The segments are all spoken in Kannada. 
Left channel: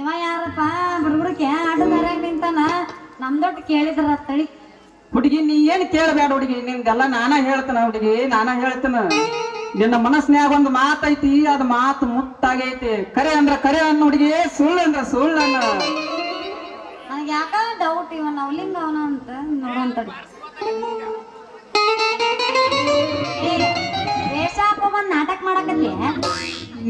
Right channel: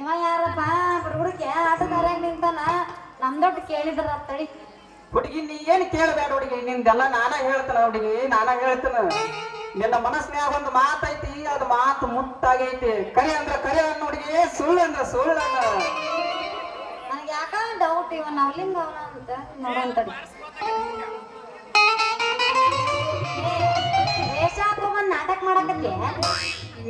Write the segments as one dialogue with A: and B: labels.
A: ಇವ ಯಾರಪ್ಪ ಹುಡುಗಕ್ಕೆ ಆಟದಾರ ನಿಂತಾನ ನಮ್ದೊಟ್ಟು ಕೇಳಿದ್ರ ತಳಿ
B: ಹುಡುಗಿ, ನೀ ಏನ್ ಕೇಳಬೇಡ ಹುಡುಗಿ? ನಿಂದೆಲ್ಲ ನಾನ ಹೇಳ್ತೇನೆ ಹುಡುಗಿ, ನಾನ ಹೇಳ್ತೇನೆ. ನಿನ್ನ ಮನಸ್ನ್ಯಾಗ ಒಂದು ಮಾತೈತಿ, ಅದ್ ಮಾತು ಮುತ್ತಾಗೈತಿ. ಕರೆ ಅಂದ್ರ ಕರೆ ಅನ್ನ ಹುಡುಗಿ, ಸುಳ್ಳು ಅಂದ್ರ ಸುಳ್ಳು ಅನ್ನ.
A: ಯಾಕ ಡೌಟ್ ಇವ ನವಲಿಂಗ ಅವನ ಅಂತ ನೋಡಂತಡಿ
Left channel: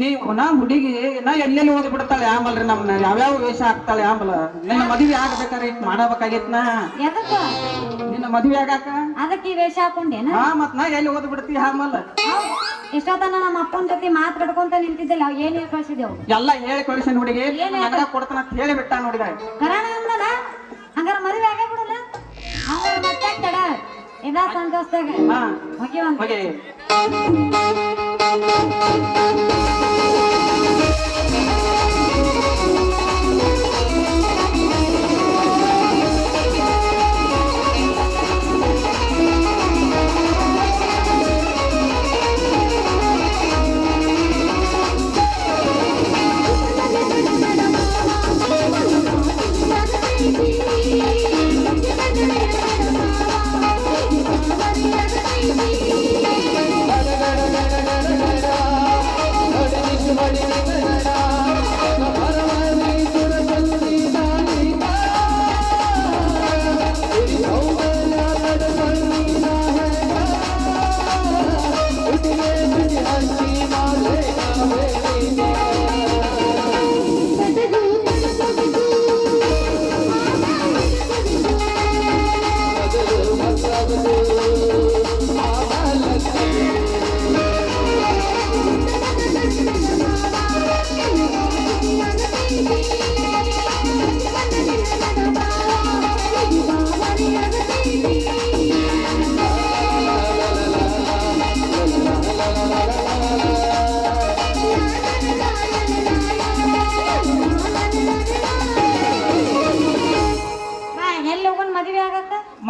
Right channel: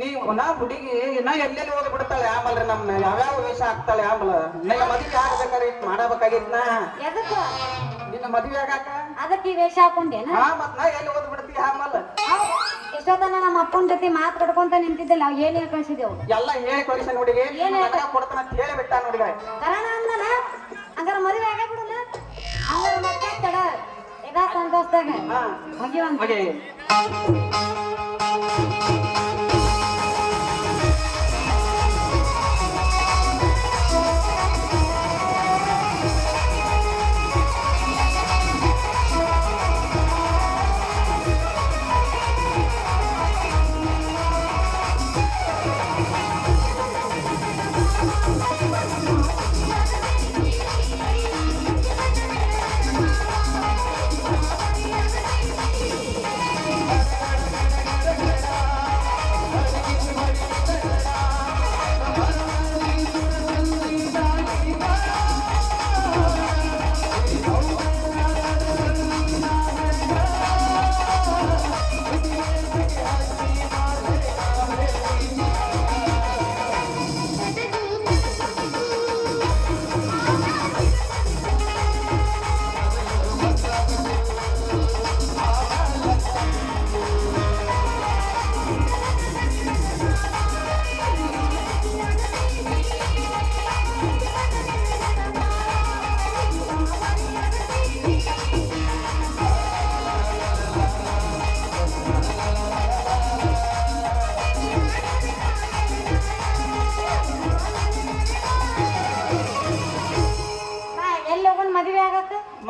B: ನೀವು ನಾ ಹುಡುಗಿ ನಾ ಎಲ್ಲೆಲ್ಲಿ ಓದಿ ಬಿಡ್ತಾಳೆ ಆಂಬಲ್ರಿ ನಮ್ನ? ಯಾವ್ಯಾವ ವೇಷ ಹಾಕ್ತಾಳೆ ಆಂಬಲ್? ನಿನ್ನ ಮದುವೆ ಆಗ್ಬೇಕಾರೆ ಇಟ್ ಮಾಡಬೇಕಾಗೈತ್ ನಾ
A: ಎದಕ್ಕ?
B: ನಿನ್ನ ಮದುವೆ ಆಗಾಕ?
A: ಅದಕ್ಕೆ ಈ ವೇಷ ಹಾಕೊಂಡೇನ?
B: ಹಾ ಮತ್ ನಾ ಎಲ್ಲಿ ಓದಿ ಬಿಡ್ತಿ ಆಂಬಲ್
A: ಎಷ್ಟೊತ್ತನ ನಮ್ಮ ಅಪ್ಪನ ಜೊತೆ ಮಾತು ಕಟ್ಕೊಂತ ನಿಂತಿದ್ದಲ್ಲ ಅವ್ ಏನ್ ಹೇಳಿ ಕಳ್ಸಿದೆವು
B: ಎಲ್ಲ ಹೇಳಿ ಕಳಿಸಿ ಹುಡುಗಿ. ನಗರ ಕೊಡ್ತಾನ ಅಂತ ಹೇಳಿ ಬಿಟ್ಟ ನೋಡಿದ
A: ಕರಣ ಅಂದನ ಹಂಗಾರ ಮದುವೆ ಆಗೇ ಬಿಡಲ್ಲ ಹಂಗಾರ ಮತ್ತೆ ತಡ? ಇದಾ ಸಂತೋಷದಾಗ.
B: ಹಾ.
A: ಹೋಗಿ ಒಂದ್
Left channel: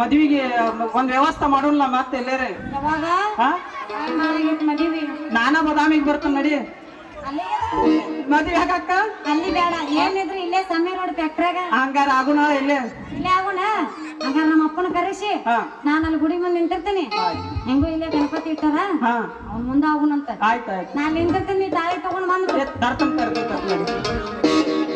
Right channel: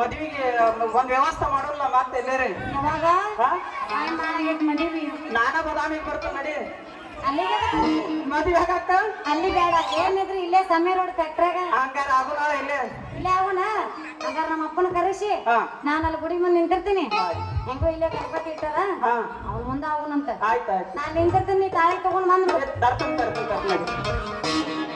B: ಮದ್ವಿಗೆ ಒಂದ್ ವ್ಯವಸ್ಥೆ ಮಾಡೋಲ್ಲ ಮತ್ತೆ ಎಲ್ಲೇರಿ. ನಾನ ಬದಾಮಿಗೆ ಬರ್ತಾನ ನಡಿ. ಮದ್ವೆ ಹಾಕಕ್ಕ
A: ಅಲ್ಲಿ ಬೇಡ ಏನಿದ್ರು ಇಲ್ಲೇ ಸಮೀರ್ ರೋಡ್ ಫ್ಯಾಕ್ಟ್ರಾಗ
B: ಹಂಗಾರ ಆಗುಣ ಇಲ್ಲೇ.
A: ಇಲ್ಲೇ ಆಗೋಣ ಹಂಗಾರ ನಮ್ಮ ಅಪ್ಪನ ಕರೆಸಿ ನಾನು ಅಲ್ಲಿ ಗುಡಿ ಮುಂದೆ ನಿಂತಿರ್ತೀನಿ. ಹೆಂಗೋ ಇಲ್ಲೇ ಗಣಪತಿ ಇಟ್ಟದ ಅವ್ನು ಮುಂದೆ ಆಗುಣಂತ
B: ಆಯ್ತು ಆಯ್ತು.
A: ನಾನು ನಿಂತಿರ್ತೀನಿ ತಾಳಿ ತಗೊಂಡು
B: ಬಂದು ತರ್ತೀನಿ ನಡಿ.